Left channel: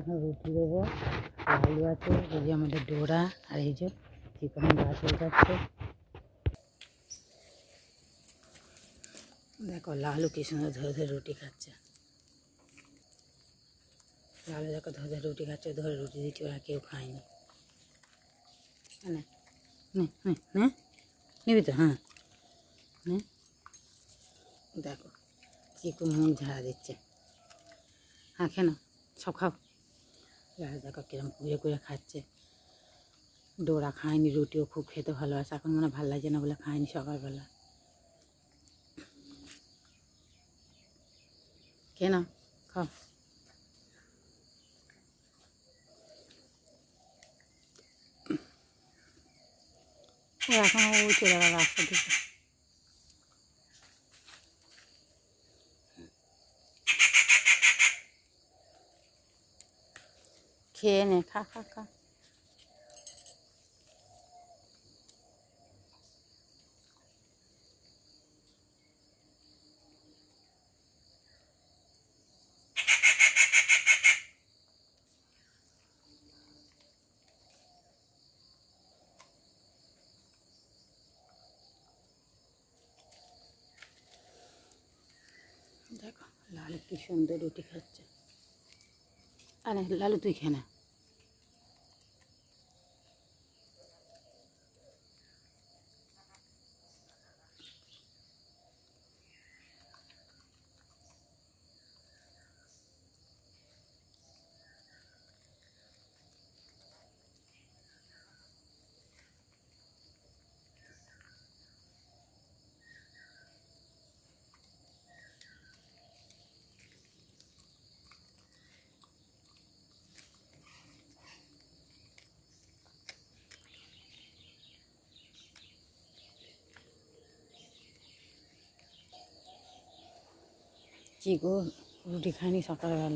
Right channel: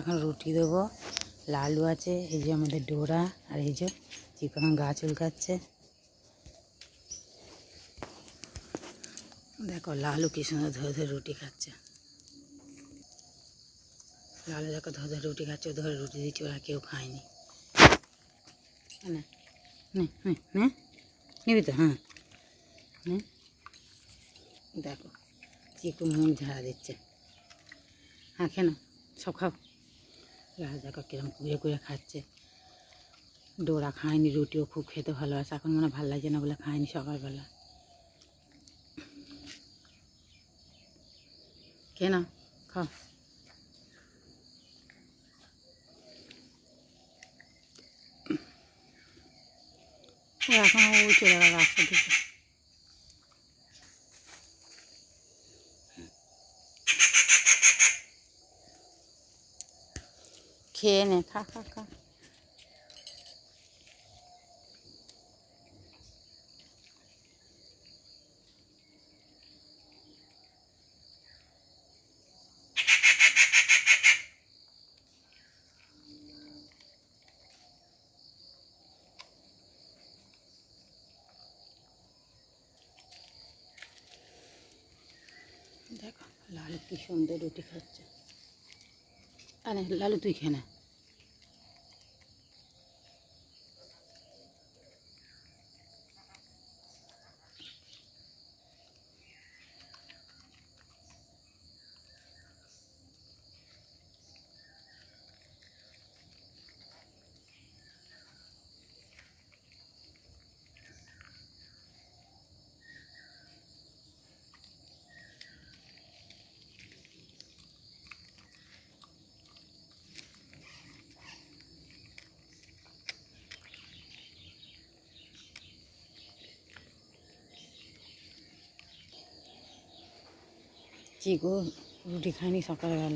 এখন রুটি দেবো। লালু আছে, এই যে আমাদের ডোরা, আর এই যে চিকন গাছ উলকাচ্ছে। দেখো লালু কি সুন্দর ধরে ধরে রুটি খাচ্ছে। লালু দেখো ধরে ধরে রুটি খাচ্ছে, ধরে রুটি দিচ্ছি, ওরা কেউ খায়নি। নিবি তো? হ্যাঁ, দেখো চিকু মুখ ঝাড়া দিচ্ছে। হ্যাঁ, কেন সব খাও। লালু দেখো কিরম কুড়ে কুড়ে খাচ্ছে। ডোরা খায়নি, রুটিও খুব খেতে ভালোবাসে, এখন মনে ভালো লাগছে না বলে খায়নি সকালবেলা। কেন খাও। ও এখন ও চলে গেল রাস্তা দিকে। খেয়ে নে, খা খা খা। দেখো লালু কি সুন্দর রুটি খাচ্ছে। আরে লালু তুই খেয়ে না। চিকু রুটি খায়নি সকালবেলা।